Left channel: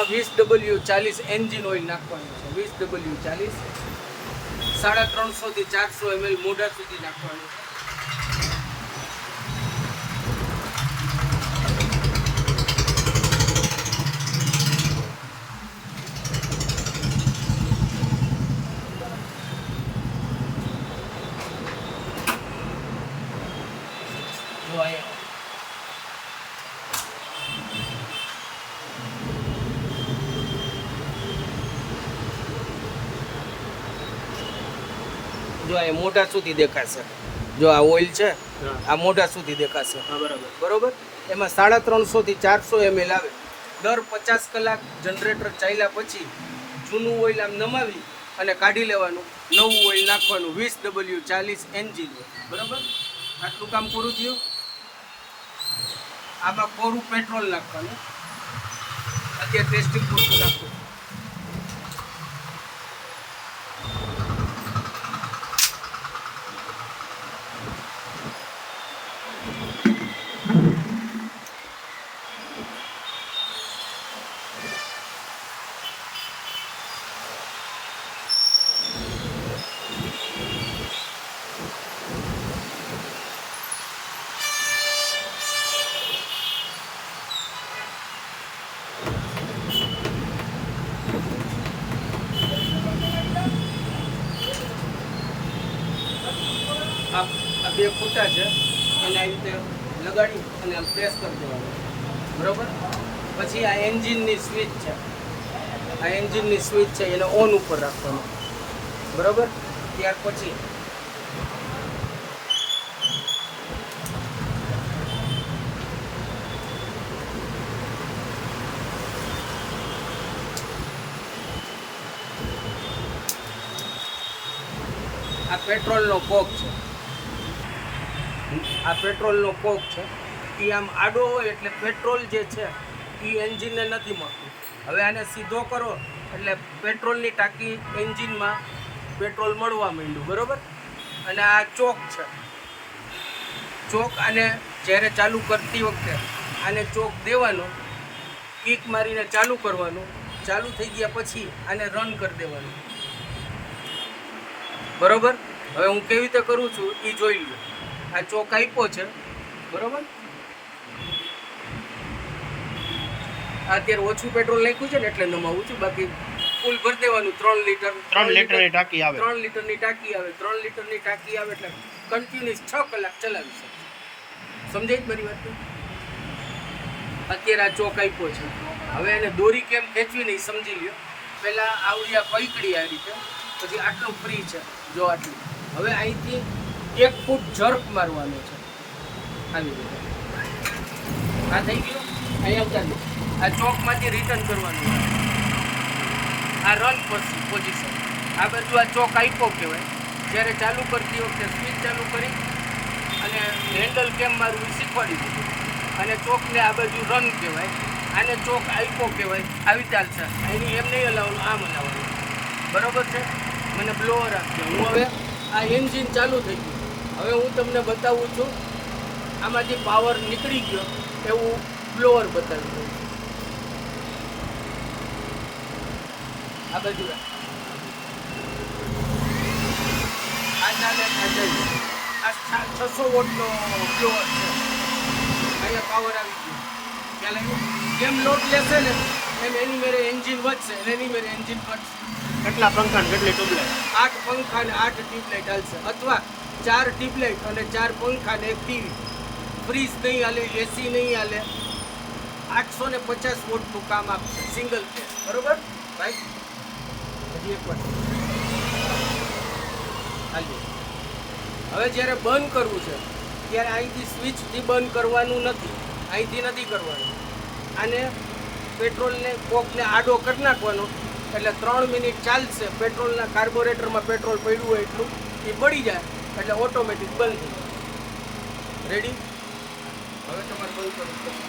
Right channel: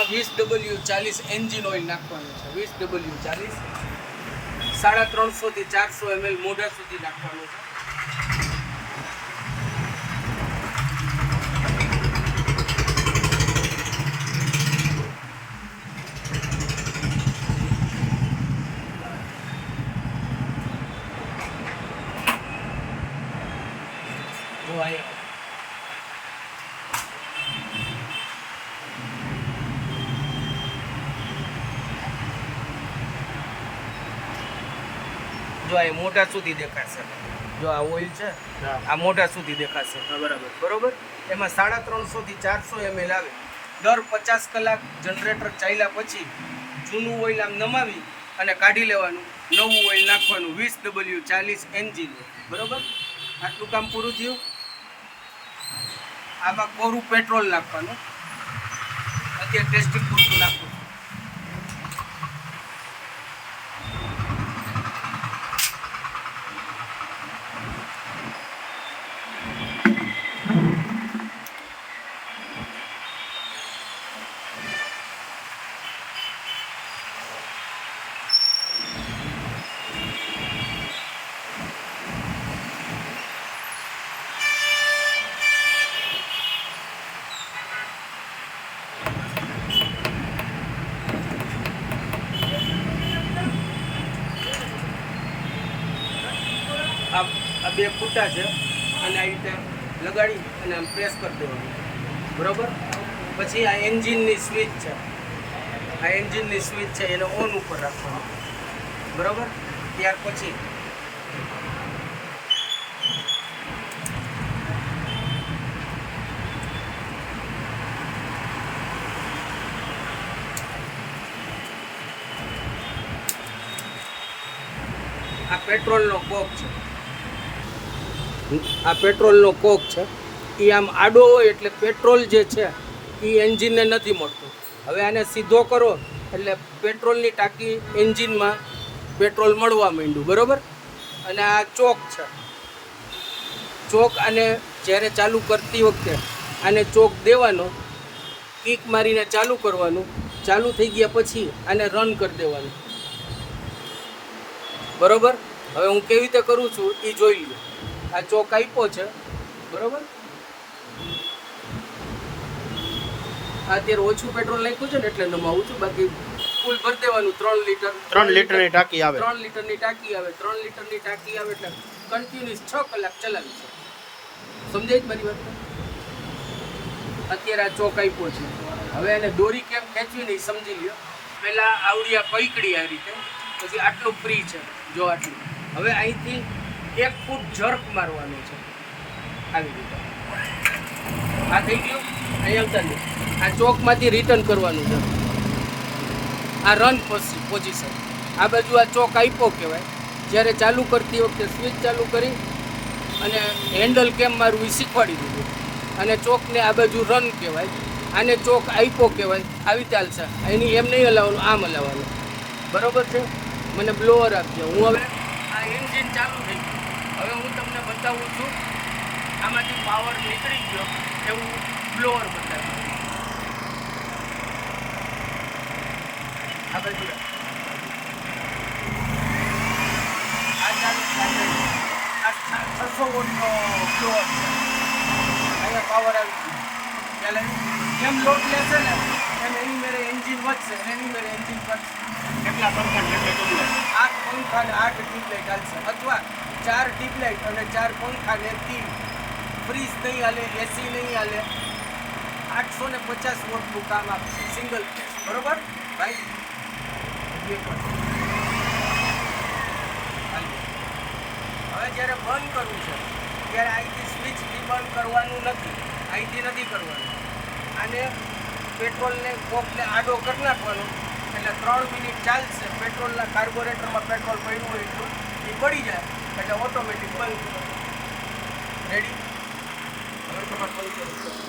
આમાં 20W40 engine oil નાખવાનું છે. 20W40 350 થી 400 ml મોઢા સુધી નાખવાનું છે. જો આ મોઢા સુધી દેખાશે. જો આ ઓઇલ છે આ મોઢા સુધી દેખાશે. બરોબર. એમાં 350 થી 400 ml આવે. દર 50 કલાક જનરેટર ચાલ્યા પછી જૂનું ઓઇલ આમ નમાવી અને કાઢી લેવાનું, નવું ઓઇલ નાખવાનું. 20W40 engine. બરોબર. આટલું કામ પૂરું થયું. આમાં કોરું પેટ્રોલ નાખવાનું. અત્યારે ટેસ્ટિંગ પૂરતું નાખવું. આ બે ફૂટા છે એને આ રીતે લગાડી અને આમ પ્રેસ કરી દેવાનું. બરાબર. પછી આ એન્જિનની સ્વિચ છે, આ એન્જિનની સ્વિચ છે એને ઓન ઉપર રાખવાનું. બરાબર. ત્યાર પછી આ પેટ્રોલનો કોક છે, આ પેટ્રોલનો કોક છે. એ આમ આડો હોય એટલે પેટ્રોલ જે છે એ એન્જિનને નથી મળતું. હવે આને સીધો કરો એટલે પેટ્રોલની ટાંકી એન્જિનમાં પેટ્રોલ મળવા માંડ્યું. બરાબર. અને આ ચોક છે. ચોક આને જ્યારે ચાલુ કરતી વખતે આને ચોક દેવાનો, કિક મારીને ચાલુ કરવાનું. ચાલુ થઈ ગયા પછી આને રન કરી દેવાનું. બરોબર. હવે હું કેવી રીતે કરું છું એ જોઈ લો. આ ચોક આપ્યો છે. બરોબર. અત્યારે ઓછું પેટ્રોલ નાખ્યું છે ને એટલે નમાવું છું. બાકી ફૂલ ભરી દેવાનું. 3 લીટર 3 લીટરની ટાંકી આવે. 3 લીટરની ટાંકી આવે. 3 લીટરની ટાંકી આવે એટલે કન્ટિન્યુઅસ 6 કલાક ચલાવી છે. સમજાય મારી વાત? અત્યારે આ ચોક આપ્યો છે. હવે એને દોરી કેમ ખેંચવી નહીં સમજી લ્યો. પહેલાં આવડી આ પૈકડી આ રીતે, પછી આટલું ફ્રી છે. જો આટલું. હવે અહીંથી 1 ફૂટ જર્ક મારવાનું છે આવી રીતે. આ થઈ ગયું. અહીં આવતા નહીં. આ ચોકમાંથી રિટર્ન કરવાનું છે. આ રન પોઝિશન. આ બાજુ આ ચોક આપ્યો કહેવાય. જ્યારે ચાલુ કરતી વખતે સ્વિચ ચાલુ કરી અને હેન્ડલ કેમ મારવું એ શીખવાડી દીધું. અને ચોકને આ બાજુ રન કહેવાય. આને ચોક આપ્યો કહેવાય. આવી રીતે ચાલશે. એની એમ નહીં હલાવવાનું, આમ હલાવવાનું. બરાબર છે. મને બ્લોઅર આપ્યો. હું હવે આ એન્જિન ચાલુ થઈ ગયું. હવે હું તમને બતાવું છું આમાંથી પાવર નીકળી ગયો એવું બ્લોઅર બતાવી દઉં. આ બધું આ 600 વોટનો બ્લોઅર છે. અહીંયા પાવર આવી ગયો. ખ્યાલ આવ્યું? જેમ લોડ લેશે ને એમ એની મેરે એન્જિન વધશે અને એની મેરે એન્જિન ઘટશે. કેટલા પંખા ને કેટલી ટ્યુબલાઇટ? 8 પંખા અને 8 ટ્યુબલાઇટ હાલશે. અથવા 4 ટ્યુબલાઇટ અને 4 પંખા ને 1 ટીવી. ફ્રીજ નહીં હાલે, એસી નહીં હાલે. 850 વોટનું કામ આપશે સિંગલ ફેઝ. બરોબર ભાઈ? હવે જ્યારે બંધ કરવું છે ત્યારે અહીંથી સ્વિચથી બંધ કરવાનું નથી. અહીંથી નથી કરવાનું. અને પેટ્રોલને કોકને આડો કરી નાખવાનો એટલે 3 મિનિટ ચાલશે. પેટ્રોલના કાર્બોરેટરમાં પેટ્રોલ પડ્યું હોય એટલું એ પડી જાય એટલે ઓટોમેટિક બંધ થઈ જાય. રેડી? હવે તમારે બંધ કરવું છે.